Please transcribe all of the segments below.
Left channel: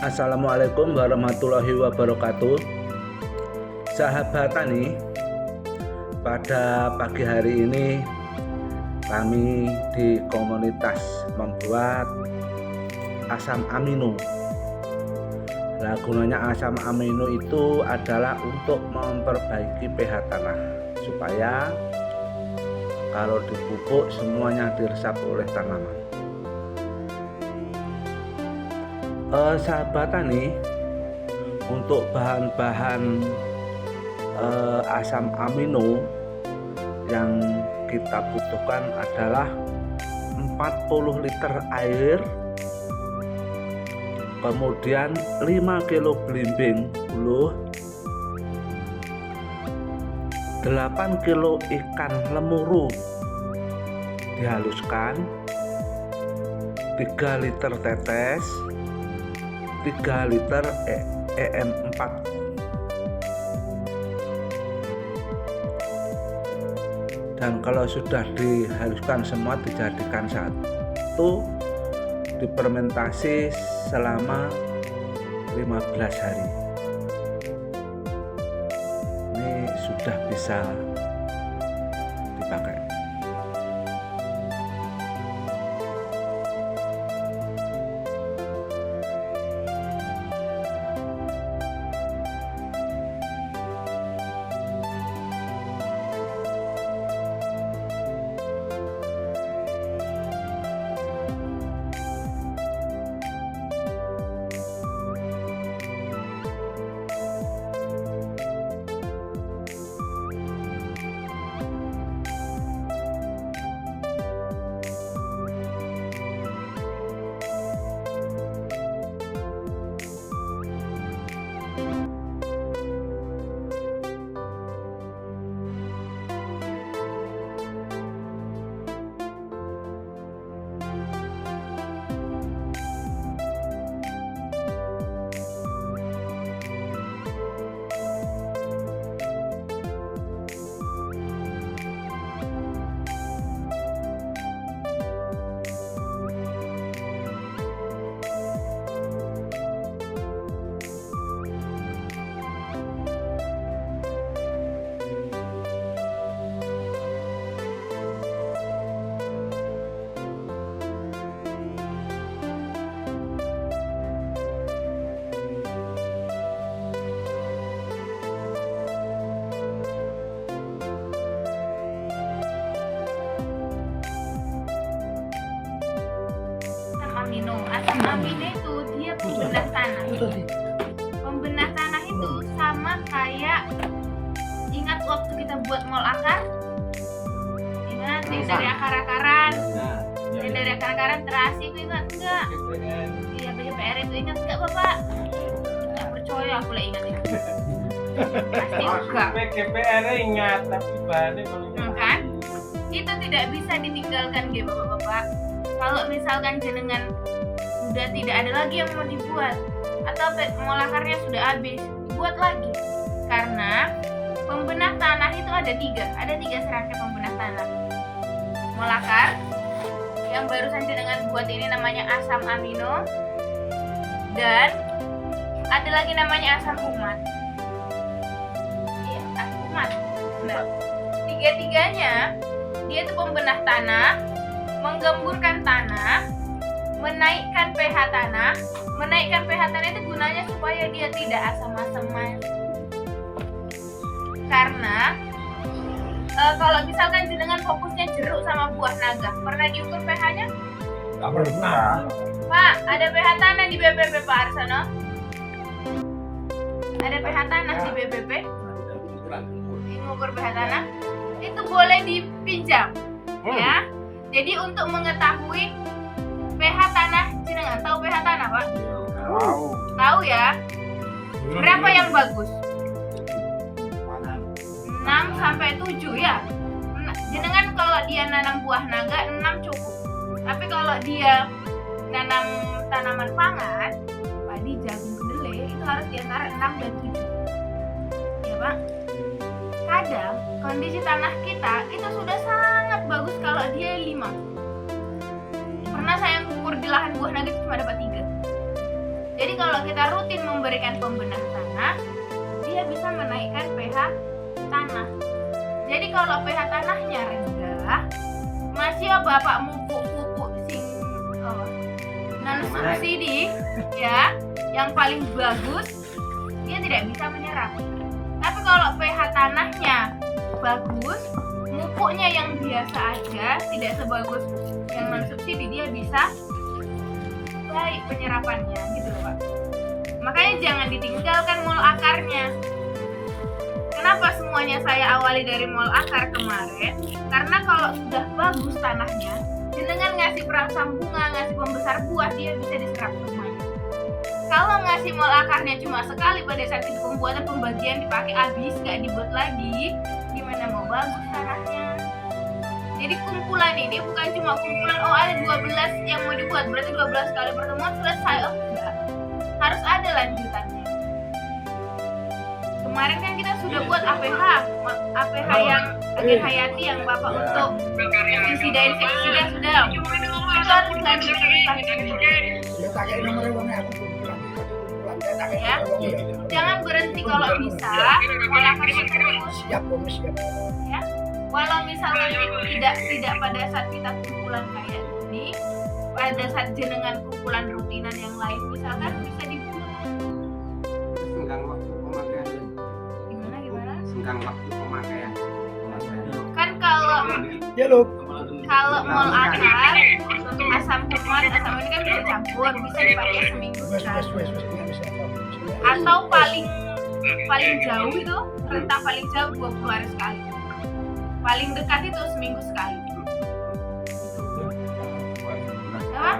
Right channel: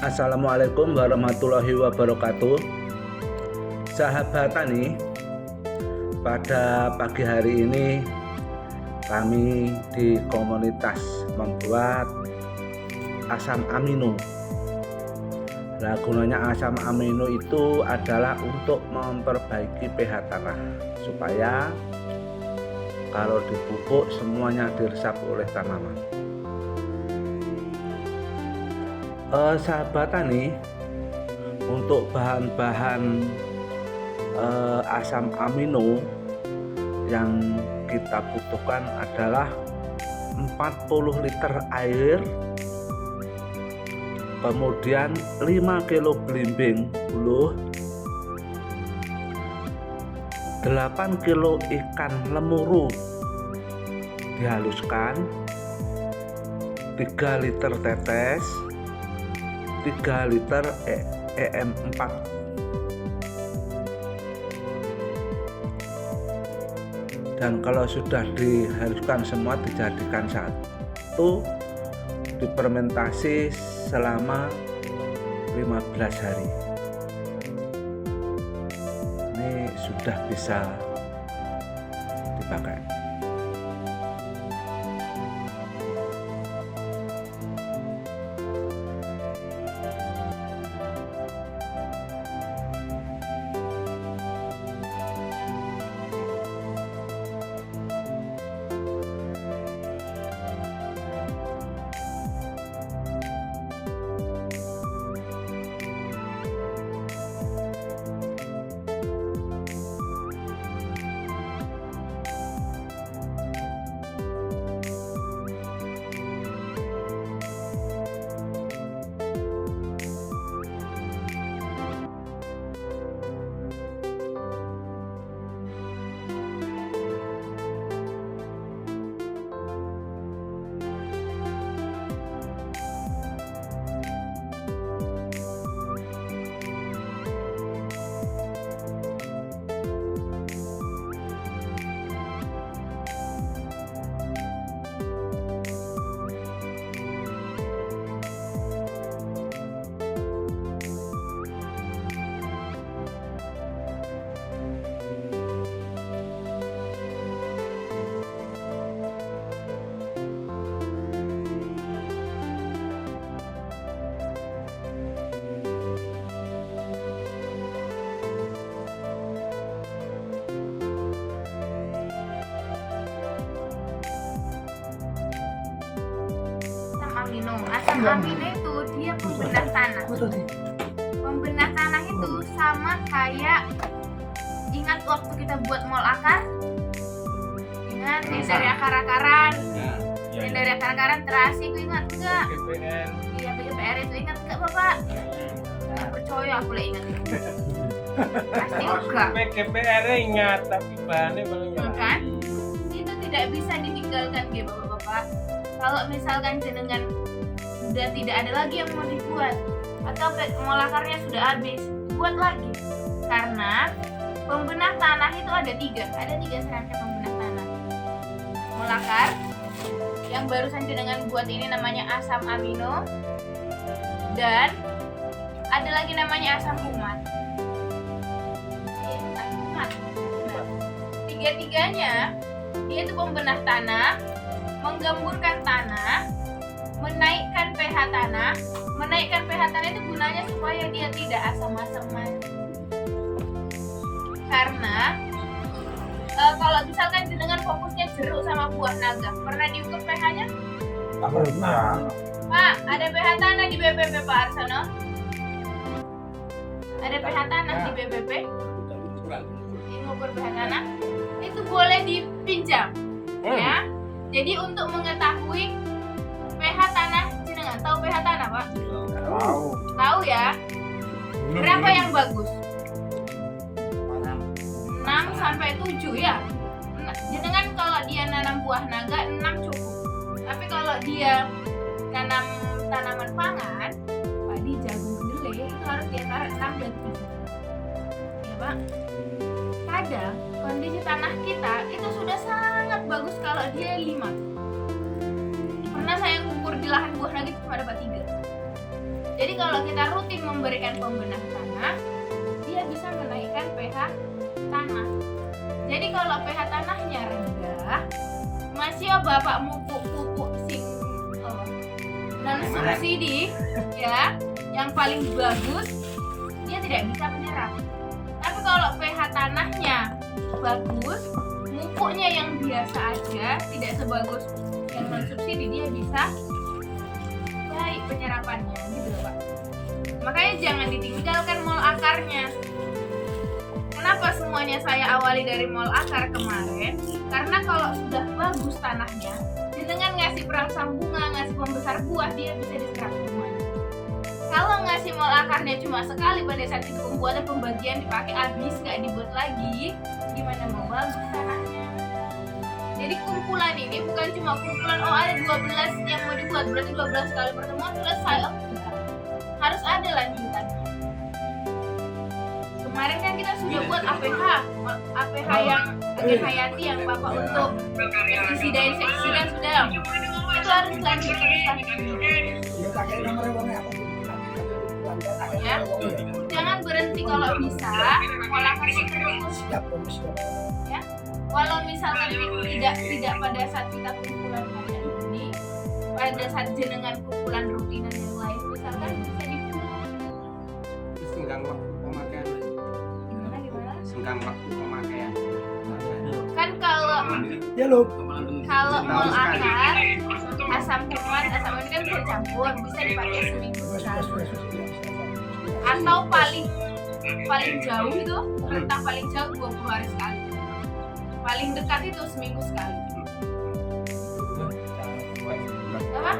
Assalamualaikum warahmatullahi wabarakatuh. Sahabat Tani, pada pagi hari ini kami di komunitas membuat asam amino. Nah, gunanya asam amino itu adalah untuk memperbaiki pH tanah supaya kalau dipupuk semuanya diresap oleh tanaman. Sahabat Tani, untuk bahan-bahan asam amino yang kita butuhkan adalah 40 liter air, kemudian 5 kilo belimbing buluh, 8 kilo ikan lemuru dihaluskan, 3 liter tetes, 3 liter EM4. Dan kalau sudah dihaluskan semua dijadikan satu, difermentasi selama 15 hari. Ini sudah bisa dipakai. Asam amino itu dia pembenah tanah. Pembenah tanah itu sama kayak, ingat waktu kita buat mol akar? Ingat yang dari akar-akaran? Yang dari akar-akaran terasi itu ingat enggak? Iya, PGPR itu ingat enggak Bapak? Enggak percaya aku lah ingat itu. Pasti enggak. PGPR ingat tapi bahannya kan? Itu tidak bisa ditinggalkan ya Bapak-bapak. Kalau misalkan jenengan sudah tidak ada lagi yang mau dibuat atau mol akarnya sudah habis, buat lagi. Karena pembenah tanah itu ada tiga serangkai pembenah tanah. Mol akar yang barusan jenengan buat ini namanya asam amino, dan ada lagi namanya asam humat. Asam humat. Nah, tiga-tiganya dia itu pembenah tanah, menggemburkan tanah, menaikkan pH tanah. Menaikkan pH tanah itu gunanya supaya dia tidak asam-asaman. Karena kalau misalkan jenengan fokusnya jeruk sama buah naga, pernah diukur pH-nya? Nggak pernah. Pak, ada pH tanah di BPP Pak Arsono? Ada pH tanah di BPP? Ngukur pH tanah? Itu boleh dipinjam, ya. Jadi untuk mengetahui pH tanah, jenengan tahu pH tanah Pak? Tahu ya. Berapa yang bagus? 6 sampai 7 ya. Jenengan kalau dia nanam buah naga 6 cukup. Tapi kalau dia nanam tanaman pangan, padi, jagung, kedelai, itu harus di antara 6 dan 7. Ya Pak. Kadang kondisi tanah kita itu sudah sangat bagus kalau dia 5. Pernah saya ngukur di lahan buah naga cuma dapat 3. Jadi kalau kita rutin memberikan pembenah tanah, dia bisa menaikkan pH tanah. Jadi kalau pH tanahnya rendah, masih bapak pupuk sing non subsidi ya, yang paling bagus, dia tidak bisa menyerap. Tapi kalau pH tanahnya bagus, pupuknya yang biasa aja, tidak sebagus yang non subsidi, dia bisa baik penyerapannya gitu loh Pak. Makanya jangan ditinggalkan mol akarnya. Kenapa semuanya saya awali dari mol akar kemarin? Karena kalau sudah bagus tanahnya, dengan ngasih perangsang bunga, ngasih pembesar buah, dia bisa diserap semuanya. Kalau ngasih mol akarnya cuma sekali pada saat itu pembuatan pembagian dipakai habis, nggak dibuat lagi, gimana mau bagus tanahnya? Jadi kumpulan ini bukan cuma kumpulan, oh ada 12 yang mau dibuat, berarti 12 kali pertemuan selesai, oh enggak. Harus ada lanjutannya. Kemarin kan kita sudah buat APH yang agen hayati yang Bapak untuk pestisida insektisida sudah. Itu harus dilanjutkan lagi. Ya, jangan berhenti kalau bisa, melakukan terus. Ya, walau misalkan tidak pada saat kita kumpulan kayak ini, pada saat jenengan kumpulan rutinan yang lain misalkan bisa dibuat. Singgang waktu pemakaian. Gimana? Singgang waktu pemakaian. Kan kalau mol akar, asam kuman, asam ini kan bisa campur, bisa dipakai seminggu sekali. Atau paling jauh itu rentang paling jauh 20 hari sekali. Paling dekat itu seminggu sekali. Apa?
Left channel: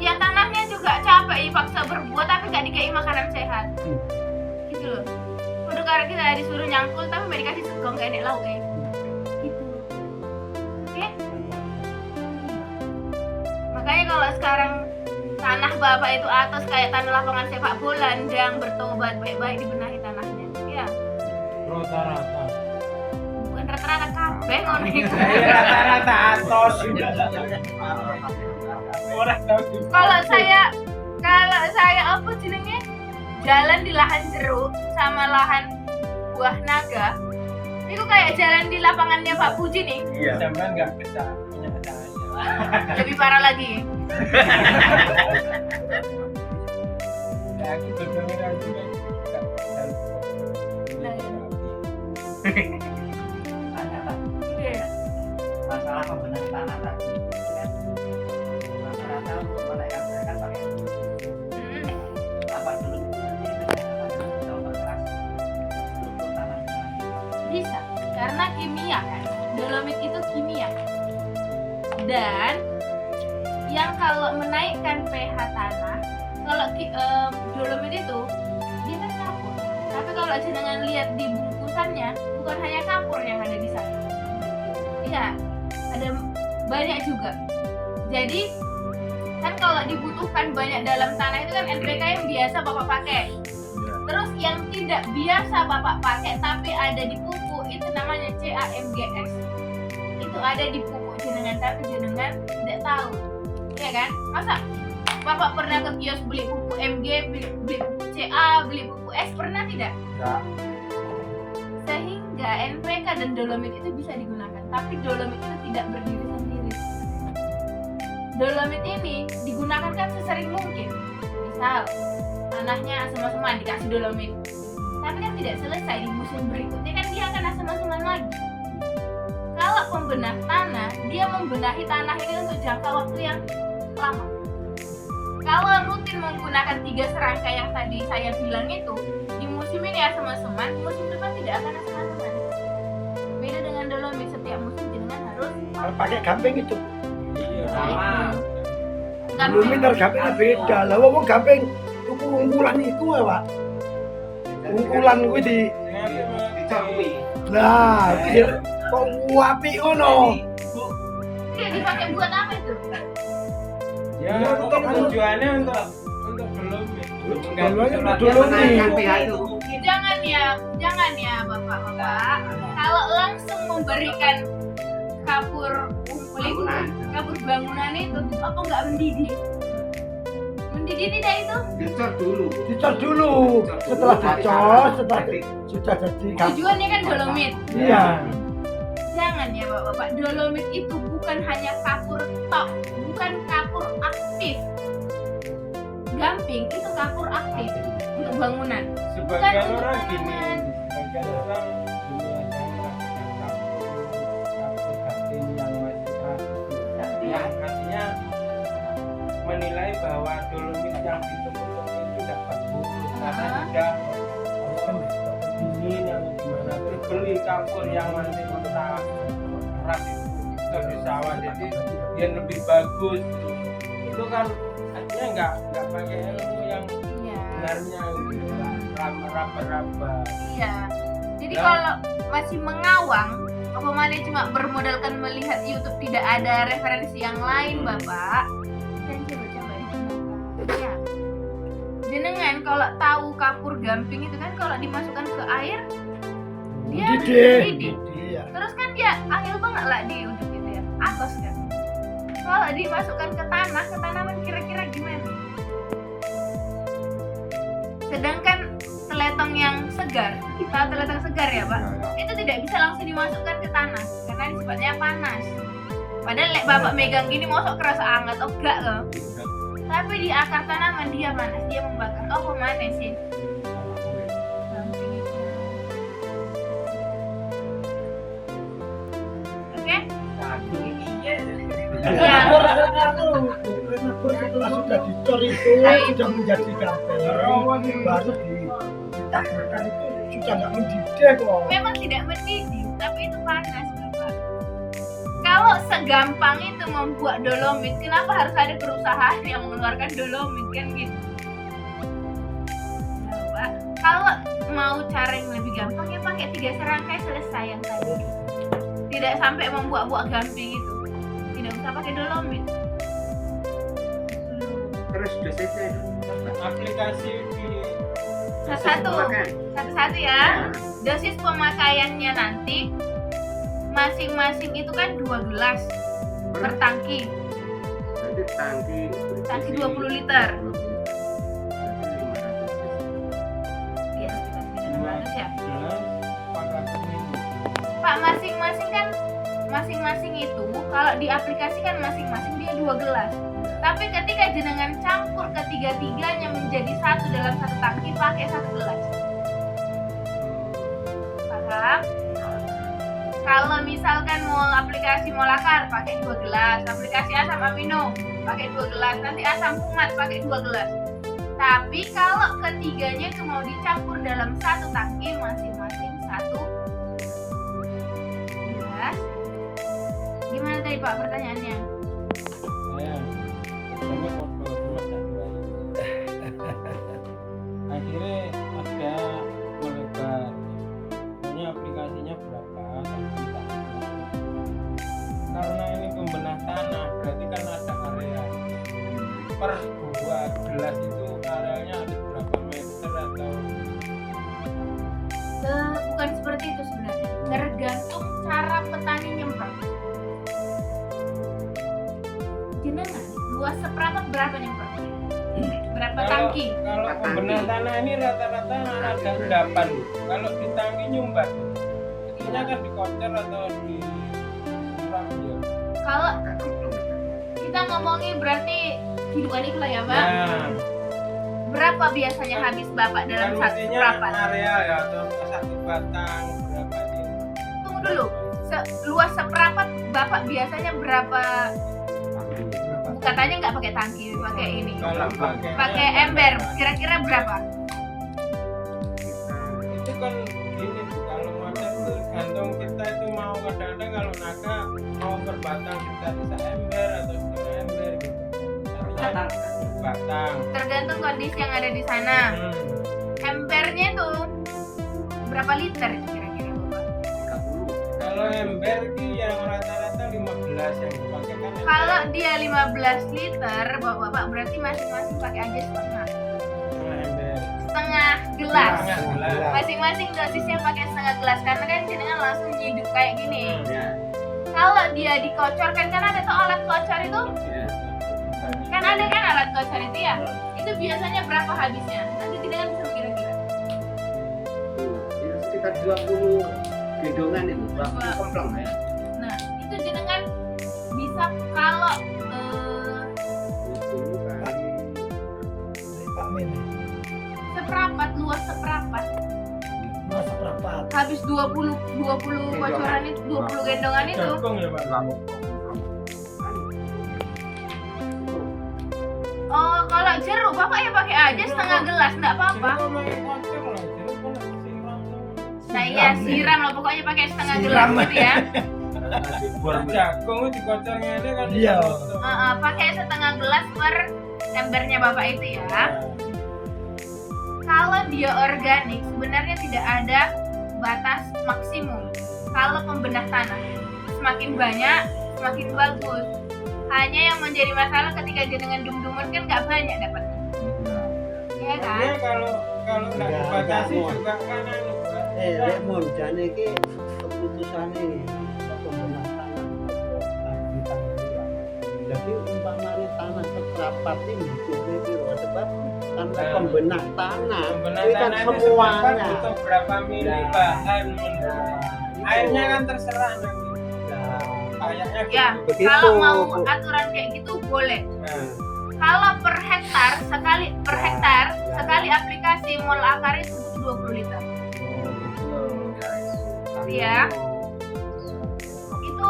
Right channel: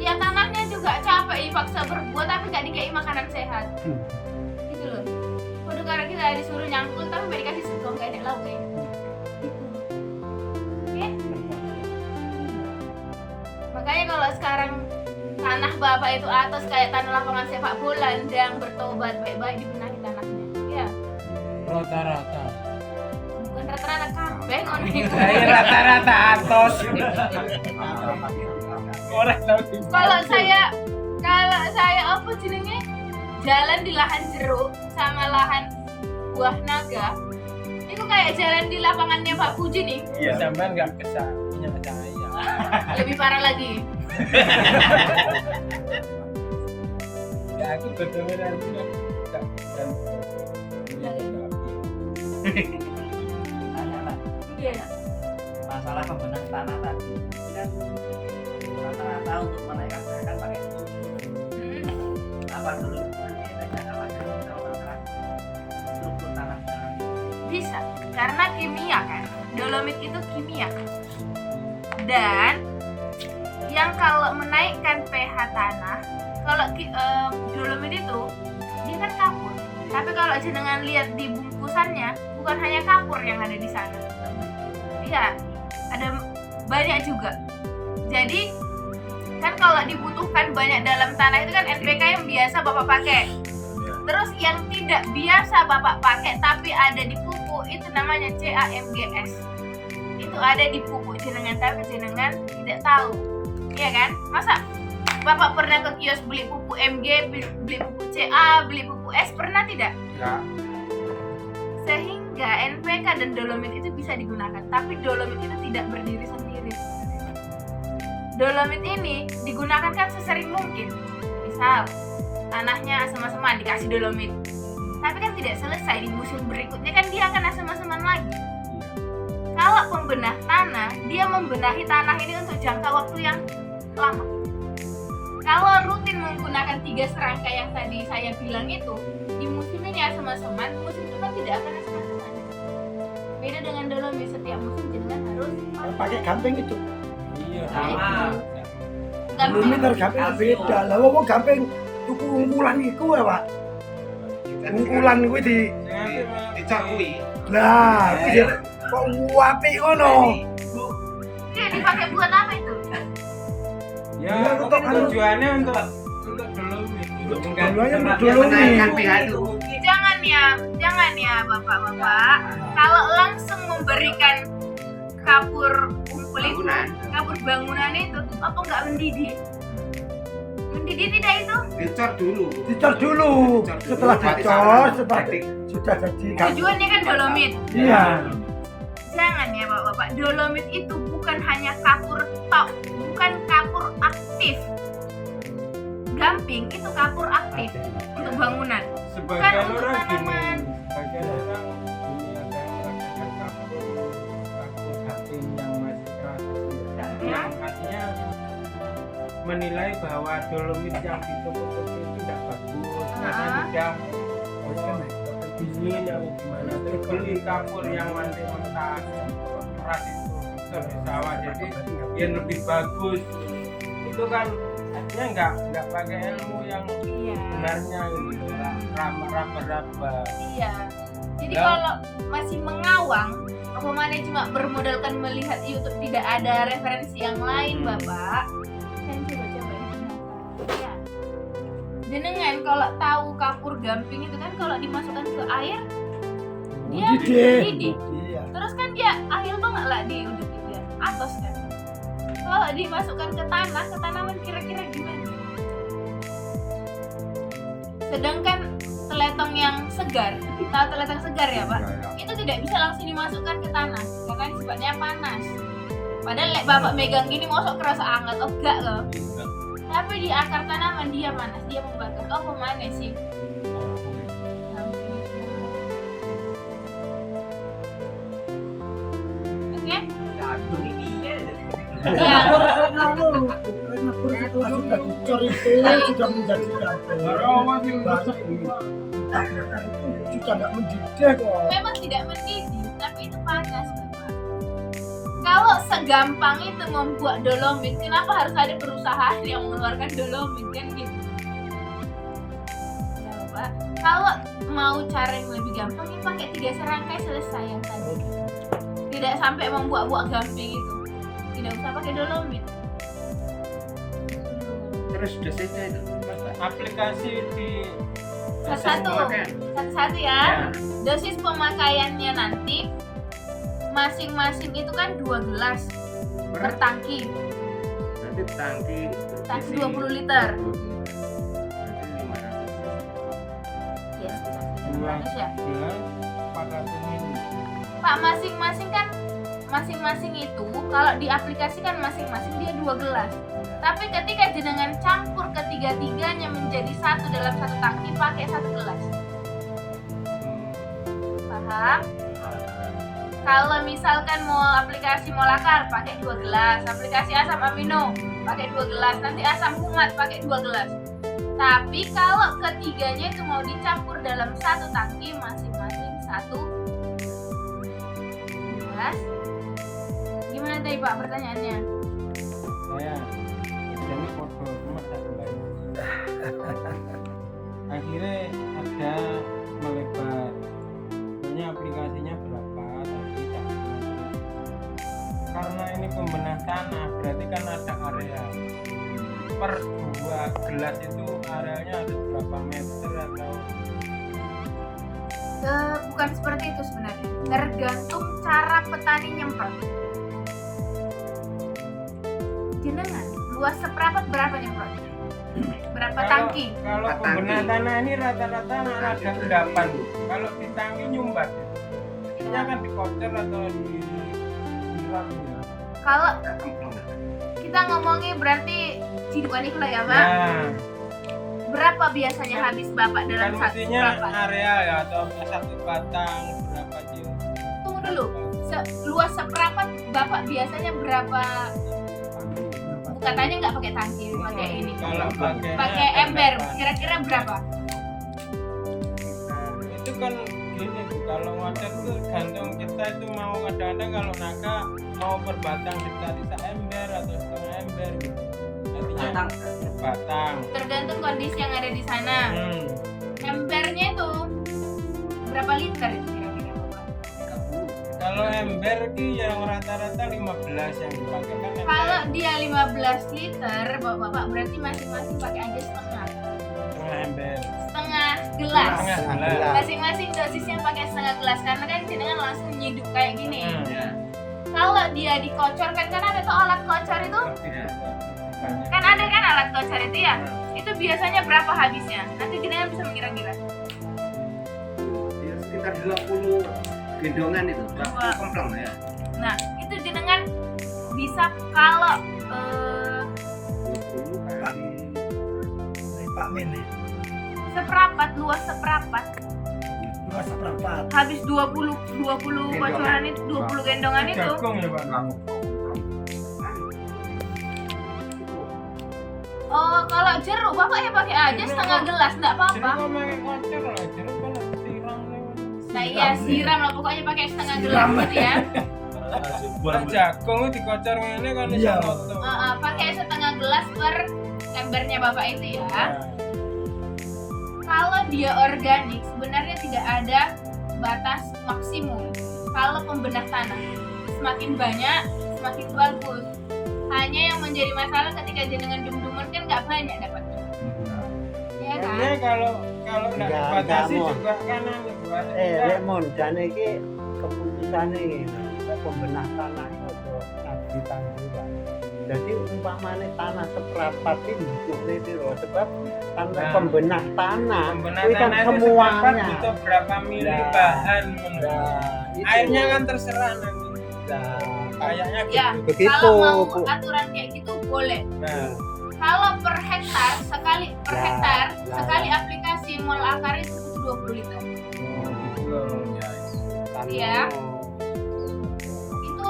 Ya tanahnya juga capek, paksa berbuat tapi gak dikasih makanan sehat. Gitu loh. Udah karena kita disuruh nyangkul tapi gak dikasih segong gak enak lauk kayak gitu. Oke? Makanya kalau sekarang tanah bapak itu atas kayak tanah lapangan sepak bola, yang bertobat baik-baik dibenahi tanahnya. Ya. Rata-rata. Bukan rata-rata kabeh ngono iku. Rata-rata atos. Orang tahu. Kalau saya apa jenenge? Jalan di lahan jeruk sama lahan buah naga. Itu kayak jalan di lapangannya Pak Puji nih. Iya, sampean enggak punya cahaya. Lebih parah lagi. Ya aku dengeran juga. Iya. Masalah pembenahan tanah tadi itu kan rata-rata untuk menaikkan kan pakai apa dulu nanti itu apa dulu sama struktur tanah Bisa, karena kimia kan. Dolomit itu kimia. Dan yang kalau menaikkan pH tanah, kalau dolomit itu dia kan kapur. Tapi kalau jenengan lihat di bungkusannya, bukan hanya kapur yang ada di sana. Iya, ada banyak juga. Jadi kan kalau dibutuhkan banyak dalam tanah itu kan NPK yang biasa Bapak pakai. Terus yang tidak biasa Bapak pakai tapi ada di pupuk itu namanya CAMGS. Itu ada di pupuk jenengan tapi jenengan tidak tahu. Iya kan? Masa Bapak pernah ke kios beli pupuk MG, beli pupuk CA, beli pupuk S, pernah tidak? Enggak. Sehingga NPK dan dolomit itu bisa digunakan, tapi dolomit itu tidak berdiri sendiri. Dolomit ini digunakan kan sesering mungkin. Misal tanahnya asam-asaman dikasih dolomit, tapi kan tidak selesai, di musim berikutnya kan dia akan asam-asaman lagi. Kalau pembenah tanah, dia membenahi tanah ini untuk jangka waktu yang lama. Kalau rutin menggunakan 3 serangkai yang tadi saya bilang itu, di musim ini asam-asaman, musim depan tidak akan asam-asaman. Beda dengan dolomit, setiap musim jenengan harus pakai gamping itu. Iya, Nah, sama. gamping. Belum harus gamping beda. Lah wong gamping tuku unggulan iku ya, Pak. Unggulan kuwi Dicakui. Nah, iki kok apik ngono. Dia dipakai buat apa itu? Ya, Untuk tujuannya untuk dolomit. Tujuannya untuk dia menaikkan dolomit. pH itu Jangan ya bapak-bapak. Kalau langsung memberikan kapur kumpul itu, kapur bangunan itu, apa nggak mendidih? mendidih tidak itu? Dicor dulu. Dicor dulu. Setelah dicor, sudah jadi gamping. Tujuannya kan dolomit. Iya. Jangan ya bapak-bapak, dolomit itu bukan hanya kapur tok, bukan kapur aktif. Gamping itu kapur aktif untuk bangunan. Sebagian untuk orang tanaman. gini, sebagian orang gini ada yang mengatakan kapur gamping yang masih keras, artinya menilai bahwa dolomit yang ditutup itu tidak bagus karena tidak dingin yang gimana. Terus beli kapur yang nanti mentah keras itu di sawah, jadi biar lebih bagus. Itu kan artinya nggak pakai ilmu yang Iya. sebenarnya gitu, raba-raba. Iya. Jadi Ya. kalau masih mengawang, apa mana cuma bermodalkan melihat YouTube tidak ada referensi yang lain, Bapak. Dan coba-coba digunakan. Ya. Jenengan kalau tahu kapur gamping itu kan kalau dimasukkan ke air dia mendidih. Iya. Terus kan dia angel banget lah di ujung gitu ya. Atos kan. Kalau dimasukkan ke tanah, ke tanaman kira-kira gimana? Sedangkan teletong yang segar, tahu teletong segar ya Pak? Itu tidak bisa langsung dimasukkan ke tanah karena ini sifatnya panas. Padahal lek bapak megang gini mosok kerasa hangat, oh enggak loh. Tapi di akar tanaman dia panas, dia membakar. Oh kemana sih? Oke? Iya. Setelah sudah dicor itu sudah menjadi gamping. Baru ditabrakkan itu sudah nggak mendidih kok. Memang tidak mendidih, tapi itu panas Bapak. Kalau segampang itu membuat dolomit, kenapa harus ada perusahaan yang mengeluarkan dolomit kan gitu? Ya Bapak, kalau mau cara yang lebih gampang ya pakai 3 serangkai selesai yang tadi. Tidak sampai membuat-buat gamping itu. Tidak usah pakai dolomit. Terus dosisnya itu Aplikasi di Satu-satu ya. Dosis pemakaiannya nanti masing-masing itu kan 2 gelas per tangki. nanti tangki 20 liter. Nanti 500 Ya, sekitar 300 ya. pakai ini. Pak, masing-masing itu kalau diaplikasikan masing-masing dia 2 gelas. Tapi ketika jenengan campur ketiga-tiganya menjadi satu dalam satu tangki pakai 1 gelas. Paham? Kalau misalkan mau aplikasi molakar pakai 2 gelas, aplikasi asam amino pakai 2 gelas, nanti asam fumat pakai 2 gelas. Tapi kalau ketiganya itu mau dicampur dalam satu tangki masing-masing 1 gelas. Gimana tadi Pak pertanyaannya? Ya, jadi foto rumah tak baik. Akhirnya ada melebar. Pokoknya aplikasinya berapa? Tapi tak tahu. Karena ini pembenah tanah, berarti kan ada area. Per 2 gelas itu areanya ada berapa meter atau Bukan seperti itu sebenarnya. Tergantung cara petani nyemprot. Jenengan luas seperempat berapa nyemprot? Berapa tangki? Kalau Empat pembenah tangki. tanah ini rata-rata ada endapan. Kalau di tangki nyumbat, ini akan dikocor atau disiram ya. Kalau kita ngomongin berarti cidukan itu lah ya Pak. Nah, Berapa biasanya habis Bapak dalam kan satu mestinya seperempat? area ya atau satu batang berapa sih? Tunggu dulu. Luas seperempat Bapak biasanya berapa? Katanya nggak pakai tangki, pakai ini. Kalau Pakai ember. Kira-kira berapa? itu kan gini tuh, kalau ngocor tuh gantung kita itu mau kadang-kadang kalau naga mau berbatang kita bisa ember atau setengah ember gitu. Artinya berbatang. Tergantung kondisi yang ada di sana. Embernya itu berapa liter itu kira-kira Bapak? Kalau ember ki yang rata-rata 15 yang dipakai kan ember. Kalau dia 15 liter, Bapak berarti masing-masing pakai aja setengah Ember. gelas. Setengah gelas. Masing-masing dosisnya pakai setengah gelas karena kan jenengan langsung nyiduk kayak gini. Ya. Kalau dia dikocorkan kan ada tuh alat kocor itu, Ya. kan ada kan alat kocor itu ya. itu biasanya berapa habisnya? Nanti jenengan bisa mengira-ngira. Ya, sekitar 20 gendongan itu, 20 Wah. kemplong ya. Nah, itu jenengan bisa kalau 20 kali Dari Pak Mene. seperapat, luas seperapat, Dua seperempat. habis 20 bocoran itu, 20 gendongan itu. Jagung ya Pak. Oh, kalau jeruk Bapak ya pakai aja setengah gelas, enggak apa-apa. Jeruk pakai kocor lah, jeruk kan siram lewat. Nah, iya siram lah pokoknya pakai setengah gelas Siram. gitu ya. Jagung itu dikocor ngene kan Iya. iso foto. Pakai setengah gelas per embernya Bapak itu ya. Kalau dia organik sebenarnya tidak ada batas maksimum. Kalau pembenah tanah semakin banyak semakin bagus. Hanya yang menjadi masalah ketika jenengan dum-duman kan nggak banyak dapatnya. Iya kan? Karena kalau nggak Enggak, dibatasi enggak, juga kan Remon jane iki keputusane pembenah tanah itu di tanggulan. Jadi umpamane tanah seperapat ini butuhnya piro sebab tanah Nah. pembenah tanah pembenah itu kan tanah itu semuanya. sepakat butuh berapa mili Nah. bahan Nah, itu. airnya kan terserah nanti Nah, kayaknya Ya, gitu. begitu. kalau mau aturan kayak gitu boleh. Nah, Kalau per hektar Ya, hektar ya. sekali aplikasi mol akar itu butuh 20 liter. Iya. Itu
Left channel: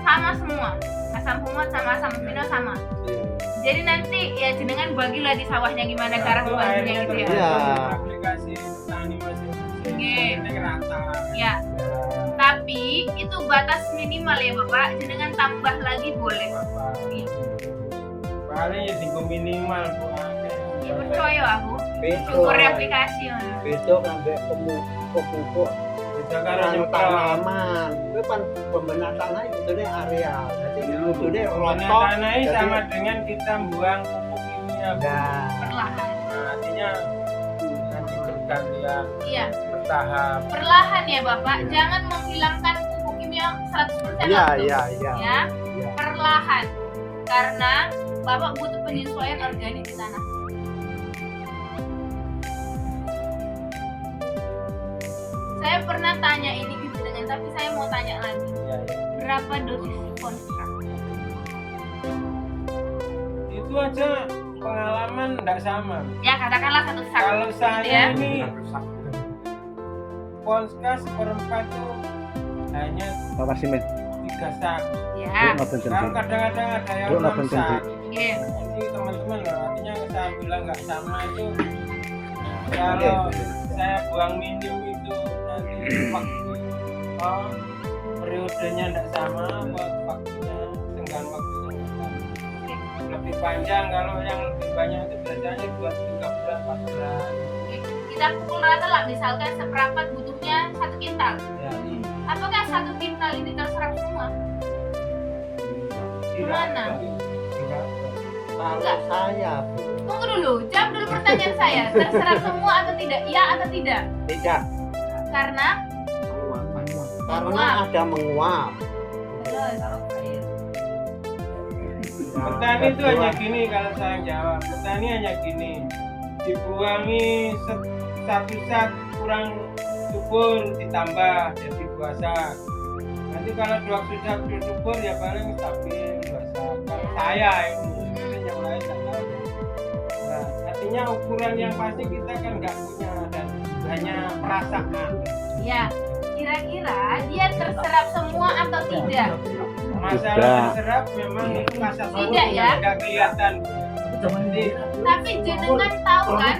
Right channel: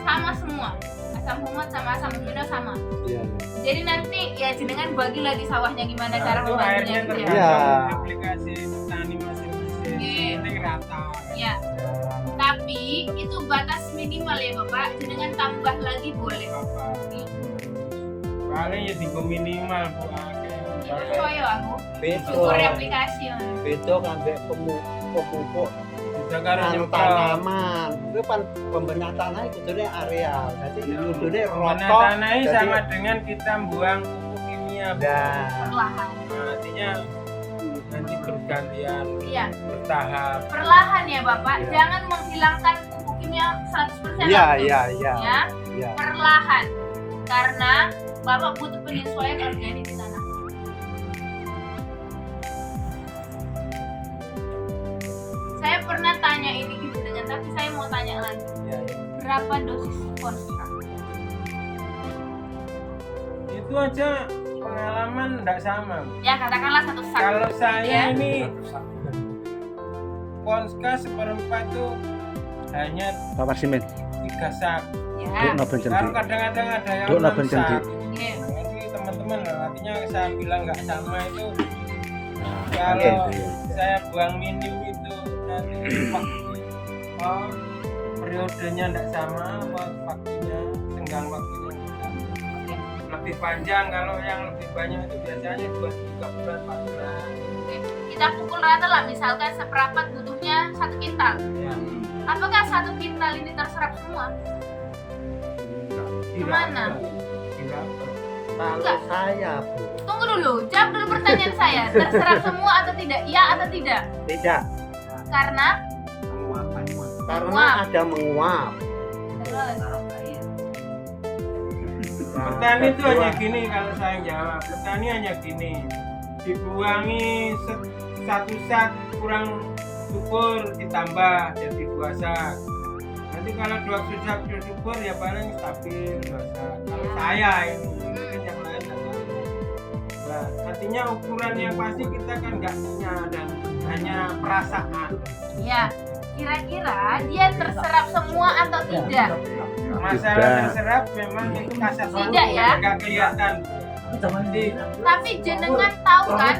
sama semua. Asam humat sama asam amino sama. Iya. Jadi nanti ya jenengan bagilah di sawahnya gimana cara itu membaginya airnya gitu ya. Iya. tergantung aplikasi petani masing-masing Oke. yang penting rata Ya, tapi itu batas minimal ya Bapak. Jenengan tambah lagi boleh. apa Iya. paling ya tinggal minimal Bu. Ini percaya aku. Beda. Syukur aplikasi mana. Beda sampai pupuk Beda karo Tanam nyemprot. tanaman itu kan pembenah tanah itu sebetulnya areal jadi kudune Pembenah rotok tanah ini jadi- sama dengan kita buang pupuk kimia Bu. Nah, Perlahan. Nah, artinya nanti bergantian Iya, bertahap perlahan ya Bapak. Iya. Jangan menghilangkan pupuk kimia 100% iya langsung. iya iya Ya, iya. perlahan. Karena Bapak butuh penyesuaian organik di tanah. Saya pernah tanya ini ke jenengan, tapi saya mau tanya lagi. ya, ya. Berapa dosis konstrak? Itu aja pengalaman enggak sama. Ya katakanlah satu sak. Kalau gitu saya ya. ini Ponska seperempat itu hanya Pak Simen 3 sak. Ya. ngapain Kalau kadang-kadang ada yang Duk, 6 ngapain sak. janji? Oke. Ini teman-teman loh, artinya saya bilang nggak sama itu. Oke, Kalau oke. saya buang minim itu nanti periodenya nggak sama, waktunya tenggang waktunya nggak sama. Lebih panjang kalau yang lebih banyak itu biasanya 2 bulan 4 bulan. Oke. Kita pukul rata lah, misalkan seperempat butuhnya 1 kintal. Ya. Apakah 1 kintal ini terserap semua? Kemana? Tidak. Kalau Enggak. saya Bu, Tunggu dulu, jawab dulu pertanyaan saya. Terserap semua atau tidak? Ya atau tidak? tidak Karena karena Menguap. ada menguap. terus taruh air. Petani itu hanya gini kalau saya jawab. Petani hanya gini. Dibuangi 1 sak kurang subur ditambah jadi 2 sak. Nanti kalau 2 sak subur ya paling stabil 2 sak. Kalau saya ini mungkin yang lain nggak tahu. Nah, artinya ukuran yang pasti kita kan nggak punya dan hanya perasaan. ya, kira-kira dia terserap semua atau tidak? Masalah Tidak. terserap memang itu kasat mata Tidak ya? nggak kelihatan. Jadi Tapi jenengan tahu kan?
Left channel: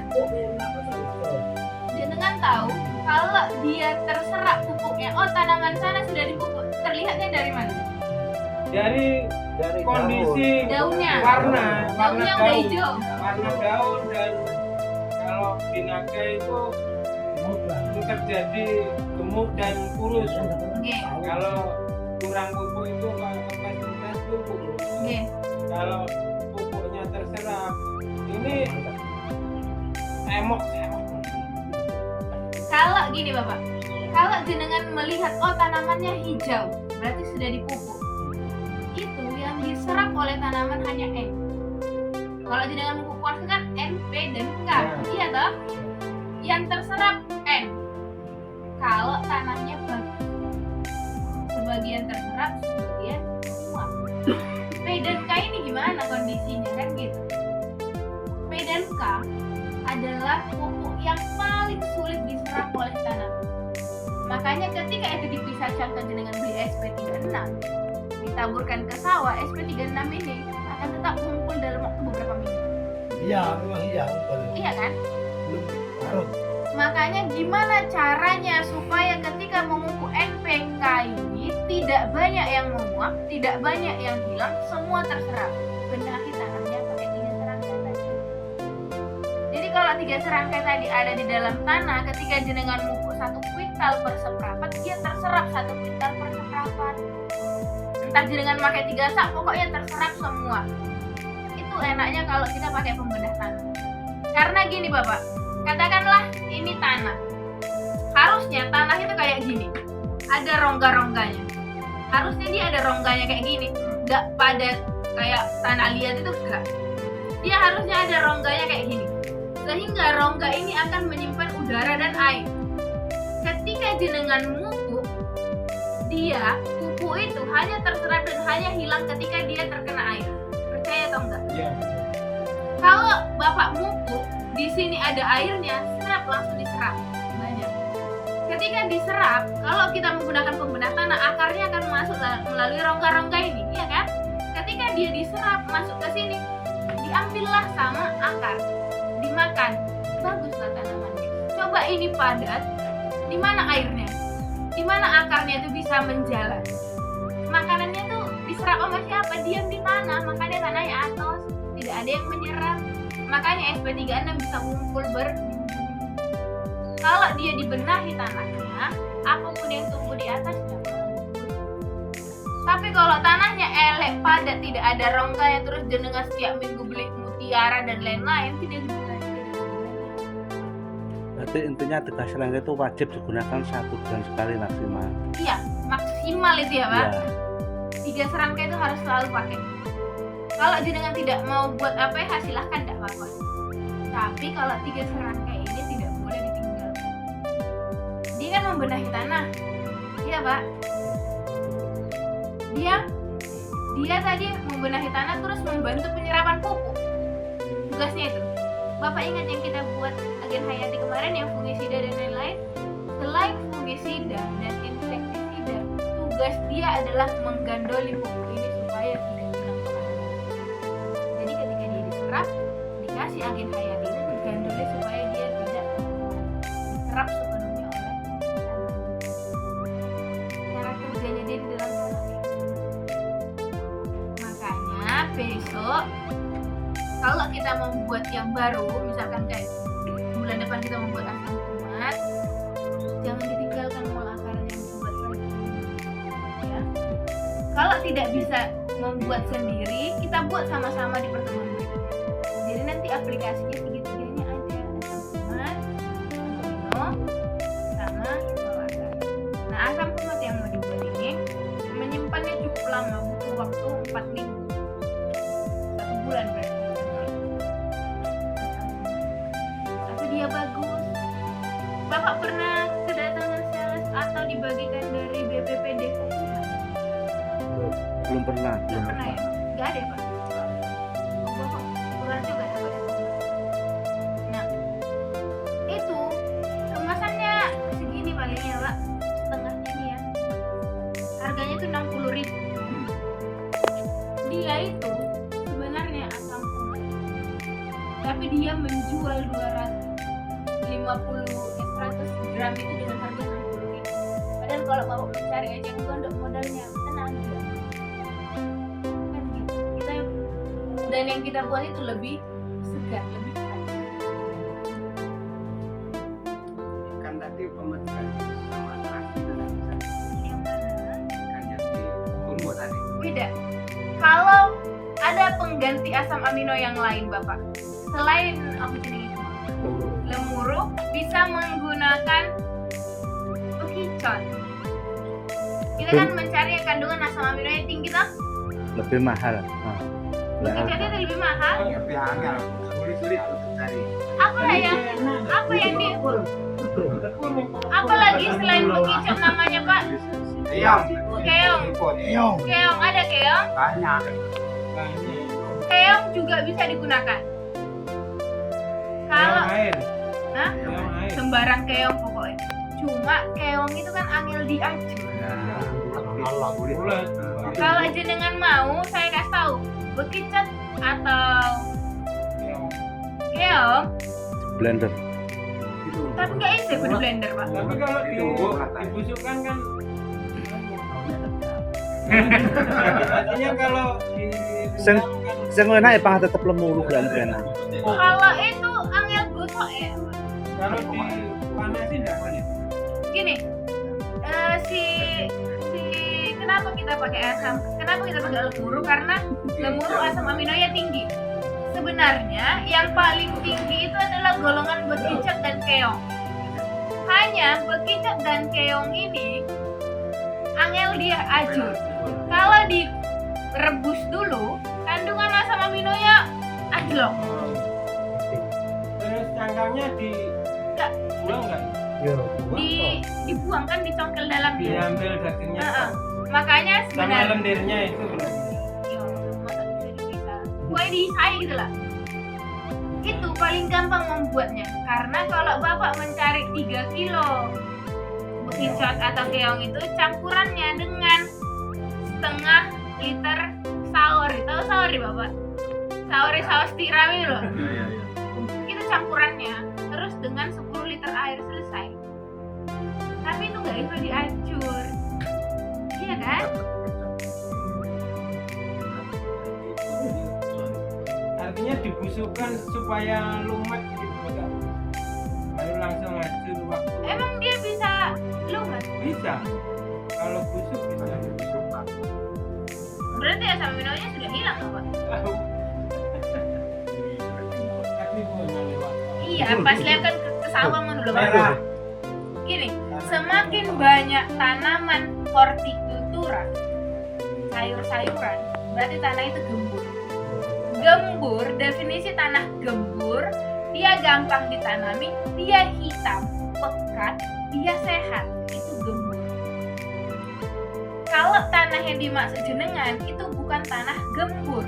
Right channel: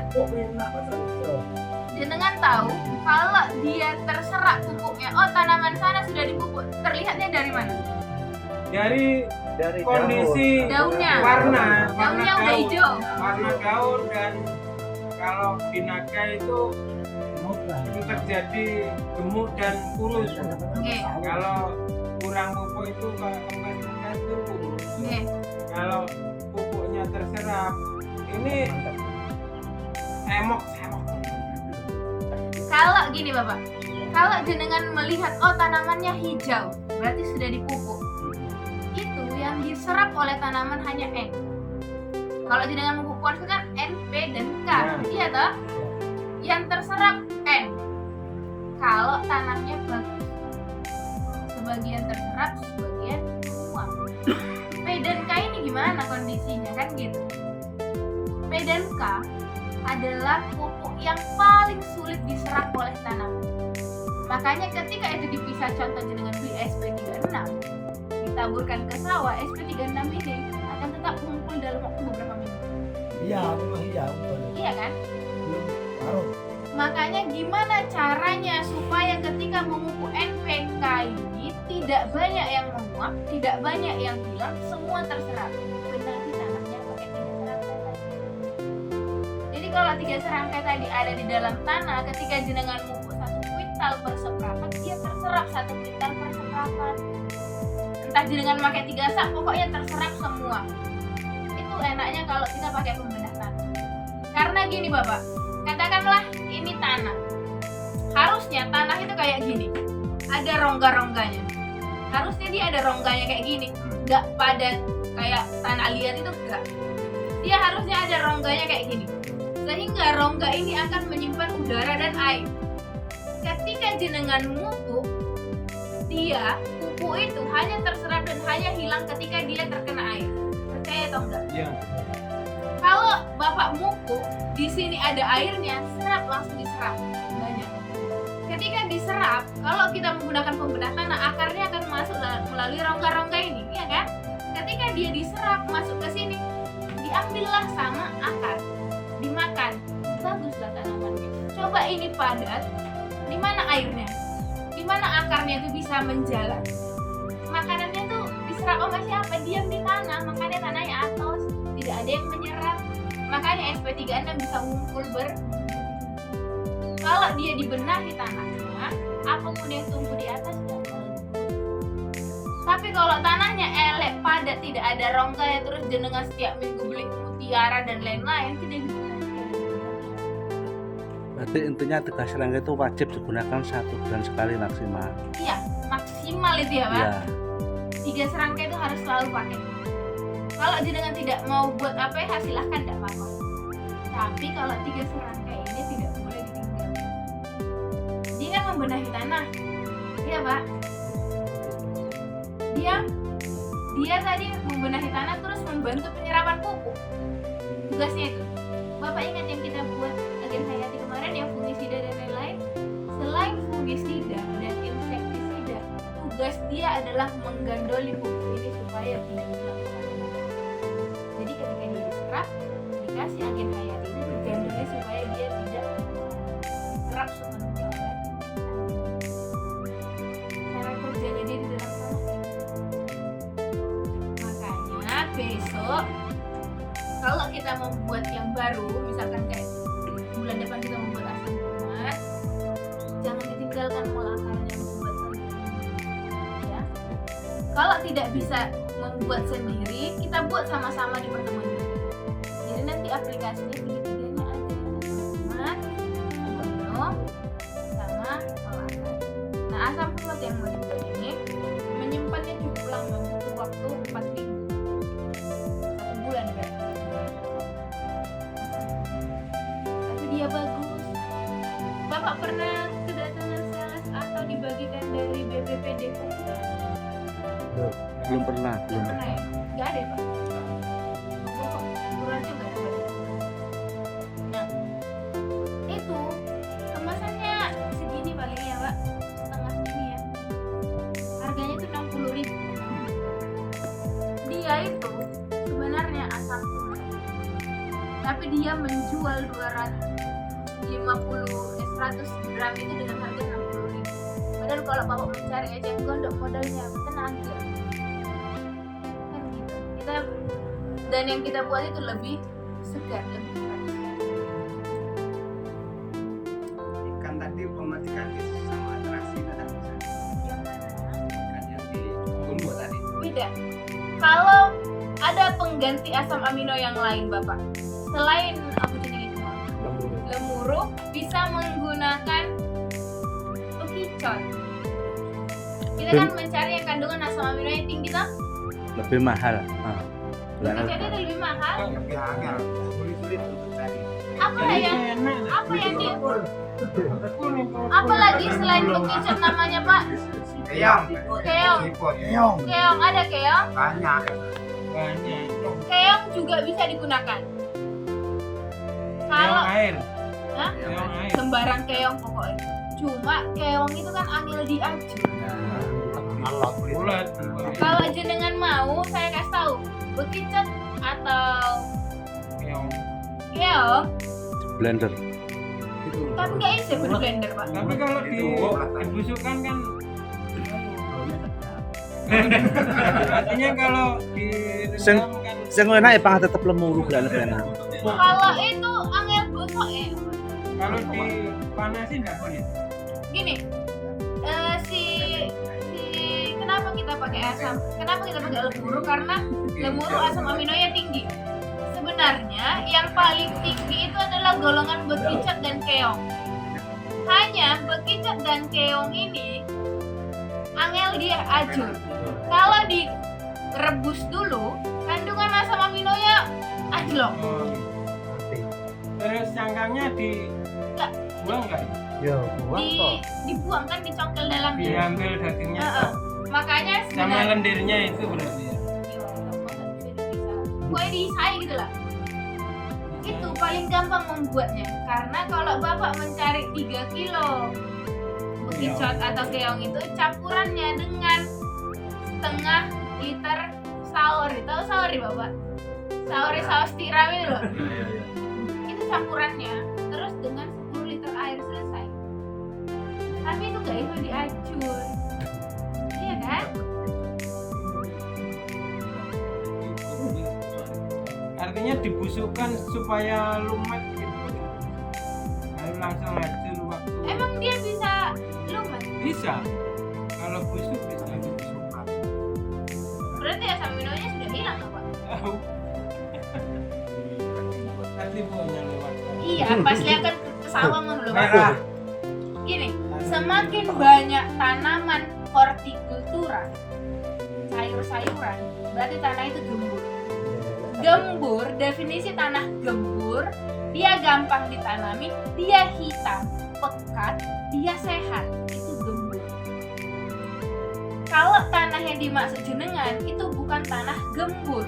Jenengan tahu kalau dia terserap pupuknya, oh tanaman sana sudah dipupuk. Terlihatnya dari mana? Dari Dari kondisi Daunnya. warna Daunnya udah daun. hijau. Warna daun dan kalau binaga itu terjadi gemuk dan kurus. Oke, Kalau kurang pupuk itu kalau kemesnya itu kurus. oke. Kalau pupuknya terserap ini emok. Kalau gini Bapak, kalau jenengan melihat oh tanamannya hijau, berarti sudah dipupuk. Itu yang diserap oleh tanaman hanya N. Kalau jenengan konstan N, P, dan K. Ya. Iya toh? Yang terserap N. Kalau tanahnya bagus. Sebagian terserap, sebagian menguap. P dan K ini gimana kondisinya kan gitu. P dan K adalah pupuk yang paling sulit diserap oleh tanaman. Makanya ketika itu dipisah, contohnya dengan beli SP36, ditaburkan ke sawah, SP36 ini akan tetap mengumpul dalam waktu beberapa minggu. Iya, memang iya, betul. Iya kan? Belum larut. Makanya gimana caranya supaya ketika memupuk NPK ini tidak banyak yang menguap, tidak banyak yang hilang, semua terserap. Benahi tanahnya pakai 3 serangkai tadi. Jadi kalau 3 serangkai tadi ada di dalam tanah, ketika jenengan mupuk 1 kuintal per seprapat, dia terserap 1 kuintal per seprapat. Entah jenengan pakai 3 sak, pokoknya terserap semua. Itu enaknya kalau kita pakai pembedah tanah. Karena gini Bapak, katakanlah ini tanah. Harusnya tanah itu kayak gini. Ada rongga-rongganya. Harusnya dia ada rongganya kayak gini. Enggak padat kayak tanah liat itu enggak. Dia harusnya ada rongganya kayak gini. Sehingga rongga ini akan menyimpan udara dan air. Ketika jenengan mupuk, dia pupuk itu hanya terserap dan hanya hilang ketika dia terkena air. Percaya atau enggak? Iya. Kalau Bapak mupuk, di sini ada airnya, serap langsung diserap banyak. Ketika diserap, kalau kita menggunakan pembedah tanah, akarnya akan masuk melalui rongga-rongga ini, iya kan? Ketika dia diserap masuk ke sini, diambillah sama akar, dimakan, baguslah tanamannya. Coba ini padat, di mana airnya? Di mana akarnya itu bisa menjalar? Makanannya tuh diserap sama siapa? Diam di mana? Makanya tanahnya atos, tidak ada yang menyerap. Makanya SP36 bisa ngumpul kalau dia dibenahi tanahnya, apapun yang tumbuh di atas dapat. Tapi kalau tanahnya elek, padat, tidak ada rongga ya, terus jenengan setiap minggu beli mutiara dan lain-lain, tidak dibenahi. Berarti intinya 3 serangkai itu wajib digunakan 1 bulan sekali maksimal. Iya, maksimal itu ya Pak. Iya. 3 serangkai itu harus selalu pakai. Kalau jenengan tidak mau buat APH silahkan, tidak apa-apa. Tapi kalau 3 serangkai ini tidak boleh ditinggalkan. Dia kan membenahi tanah, iya Pak. Dia tadi membenahi tanah terus membantu penyerapan pupuk. Tugasnya itu. Bapak ingat yang kita buat agen hayati kemarin yang fungisida dan lain-lain? Selain fungisida dan insektisida, tugas dia adalah menggandoli pupuk ini supaya tidak hilang kemana-mana. Jadi ketika dia diserap, dikasih agen hayati itu digandoli supaya dia tidak diserap sepenuhnya oleh tanaman. Cara kerjanya dia di dalam tanah. Makanya besok kalau kita membuat yang baru, misalkan kayak bulan depan kita membuat asam kumat, jangan ditinggalkan mol akarnya dibuat ya. Kalau tidak bisa membuat sendiri, kita buat sama-sama di pertemuan berikutnya. Jadi nanti aplikasinya segitiga-tiganya ada asam kumat, amino, sama mol akar. Nah, asam kumat yang mau dibuat ini menyimpannya cukup lama, butuh waktu 4 minggu, 1 bulan berarti. Dia bagus. Bapak pernah kedatangan sales atau dibagikan dari BPPD Kukuhan? Belum pernah. Gak pernah ya? Gak ada ya Pak? Oh, Bapak kurang juga ya Pak? Nah, itu kemasannya segini paling ya Pak, setengah ini ya. Harganya tuh 60.000. Dia itu sebenarnya asam kumat, tapi dia menjual 100 gram itu dengan harga 60.000. Padahal kalau Bapak mencari eceng gondok modalnya tenaga. Kan gitu. Dan yang kita buat itu lebih segar, lebih fresh. Kan tadi pematikannya sama terasi tetap bisa. Yang mana? Kan yang di bumbu tadi. Beda. Kalau ada pengganti asam amino yang lain Bapak, selain apa jenis itu? Lemuru bisa menggunakan ukicot. Kita kan mencari yang kandungan asam amino yang tinggi toh? Lebih mahal. Ukicotnya itu lebih mahal. Lebih hangat. sulit untuk cari. Apa yang di apa lagi selain bekicot namanya Pak? Keong. Keong. Keong. Keong ada keong. Banyak. Keong juga bisa digunakan. Kalau air. Hah? Keong air. Sembarang keong pokoknya. Cuma keong itu kan angel diajur. Bulat. Kalau jenengan mau, saya kasih tahu bekicot atau Keong. keong, Blender. tapi nggak bisa di blender Pak. Tapi kalau dibusukkan kan artinya kalau di Seng- kan Sing enak pang tetep lemu bulan pena. Kalau itu angel gosok kalau dipanasin enggak panas. gini, si kenapa kita pakai asam? Kenapa kita pakai lemuru? Karena lemuru asam aminonya tinggi. Sebenarnya yang paling tinggi itu adalah golongan bekicot dan keong. Hanya bekicot dan keong ini angel dia ajur. Kalau direbus dulu, kandungan asam aminonya anjlok. Terus cangkangnya Enggak. buang enggak? Yo, buang toh. Dibuang kan dicongkel dalamnya. Diambil dagingnya. Makanya Sama sebenarnya lendirnya itu berarti. ya, masa bisa dipisah? Pokoknya diisai gitu lah. Itu paling gampang membuatnya. Karena kalau Bapak mencari 3 kilo bekicot atau keong itu campurannya dengan setengah liter saori. Tahu saori Bapak? Saori saus tiram itu loh. Itu campurannya. Terus dengan 10 liter air selesai. Tapi itu nggak bisa diacur. Iya kan? Artinya dibusukkan supaya lumet gitu enggak? Baru langsung hancur waktu. Emang dia bisa lumet? Bisa. Kalau busuk bisa. Berarti asam aminonya sudah hilang Pak? Tapi punya lewat. Iya, pas lihat kan ke sawah kan dulu Pak. Merah. Gini, semakin banyak tanaman hortikultura, sayur-sayuran, berarti tanah itu gembur. Gembur, definisi tanah gembur, dia gampang ditanami, dia hitam, pekat, dia sehat, itu gembur. Kalau tanah yang dimaksud jenengan itu bukan tanah gembur,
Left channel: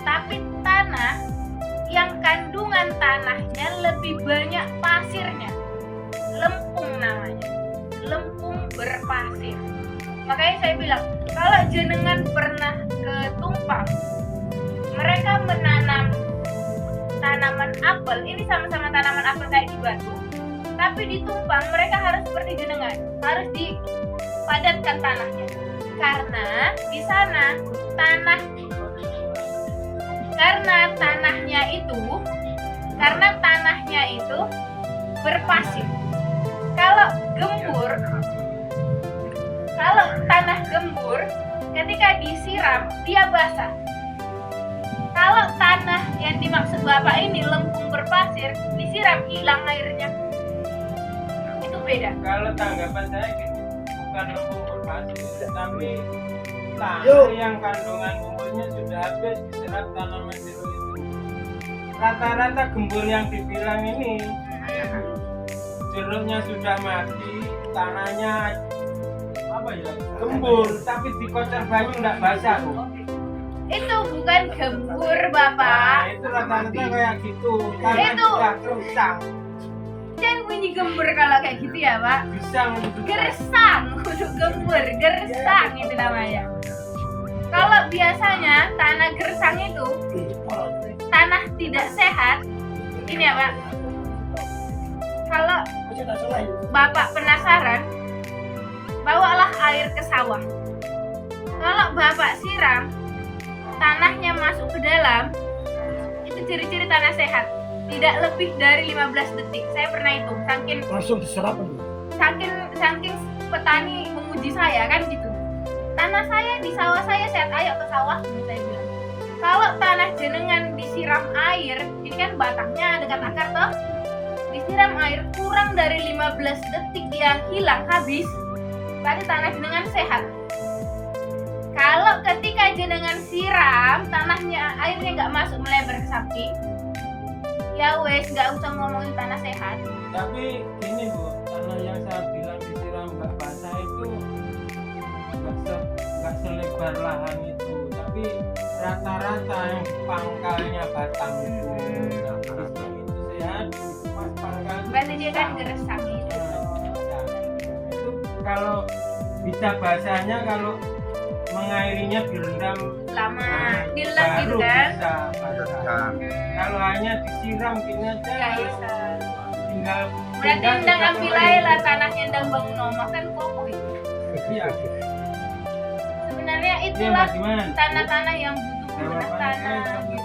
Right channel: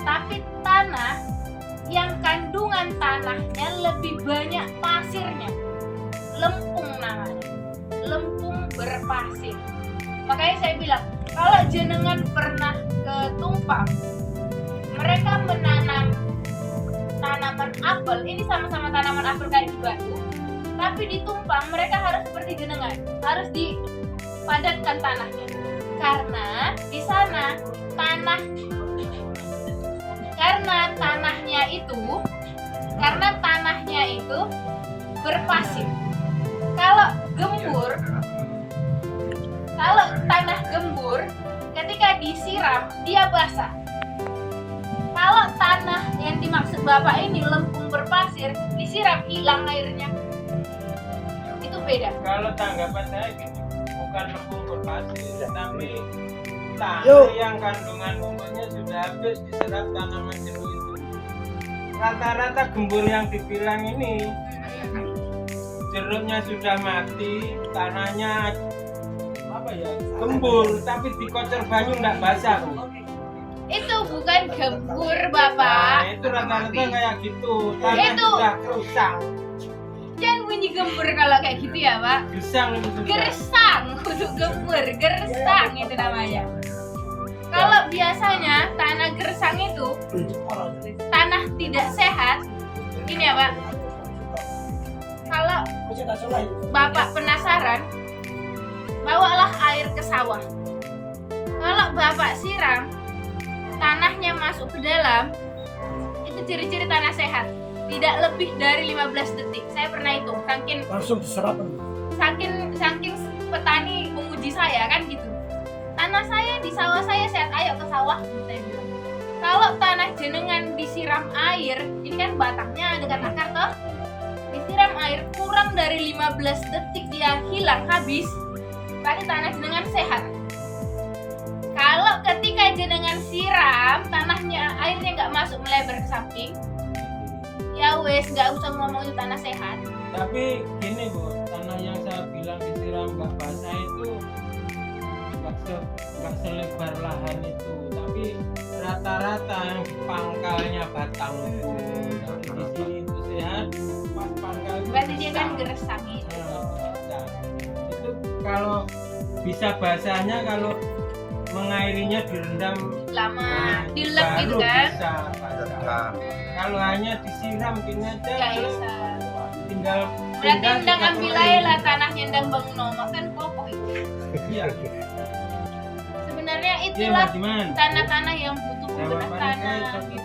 tapi tanah yang kandungan tanahnya lebih banyak pasirnya. Lempung namanya, lempung berpasir. Makanya saya bilang, kalau jenengan pernah ke Tumpang, mereka menanam tanaman apel, ini sama-sama tanaman apel kayak di Batu, tapi di Tumpang mereka harus seperti jenengan, harus dipadatkan tanahnya, karena di sana tanahnya itu berpasir. Kalau tanah gembur, ketika disiram dia basah. Kalau tanah yang dimaksud Bapak ini lempung berpasir, disiram hilang airnya. Itu beda. Kalau tanggapan saya gini, bukan lempung berpasir, tapi tanah Yuk. yang kandungan gumburnya sudah habis diserap tanaman jeruk itu. Rata-rata gembur yang dibilang ini jeruknya sudah mati, tanahnya gembur, tapi dikocor baju nggak basah. Itu bukan gembur Bapak. Nah, itu rata-rata kayak gitu. Tanah Itu. sudah gersang. Jangan bunyi gembur kalau kayak gitu ya Pak. Gersang itu sudah. Gersang, kudu gembur, gersang itu namanya. Kalau biasanya tanah gersang itu tanah tidak sehat, ini ya Pak. Kalau Bapak penasaran, bawalah air ke sawah. Kalau Bapak siram, tanahnya masuk ke dalam, itu ciri-ciri tanah sehat. Tidak lebih dari 15 detik. Saya pernah hitung, Langsung diserap. saking petani memuji saya kan gitu. Tanah saya di sawah saya sehat, ayo ke sawah, saya bilang. Kalau tanah jenengan disiram air, ini kan batangnya dekat akar toh, disiram air kurang dari 15 detik dia hilang habis, berarti tanah jenengan sehat. Kalau ketika jenengan siram, tanahnya airnya nggak masuk melebar ke samping, Ya wes, nggak usah ngomong itu tanah sehat. Tapi gini Bu, tanah yang saya bilang disiram nggak basah itu nggak selebar lahan itu, tapi rata-rata yang di pangkalnya batang itu. Kalau di sini itu sehat, pas pangkal itu Berarti dia kan basah. gersang itu Nah, loh. itu kalau bisa basahnya kalau mengairinya direndam Lama, dilek baru gitu kan? bisa basah. Kalau hanya disiram gini aja Nggak bisa. tinggal Berarti tinggal ndang kita ambil mulai. aja lah tanahnya ndang bangun omah kan kokoh itu. Iya. Sebenarnya Iya itulah Mbak Diman. tanah-tanah yang butuh pembenah Jawabannya tanah kayak gitu.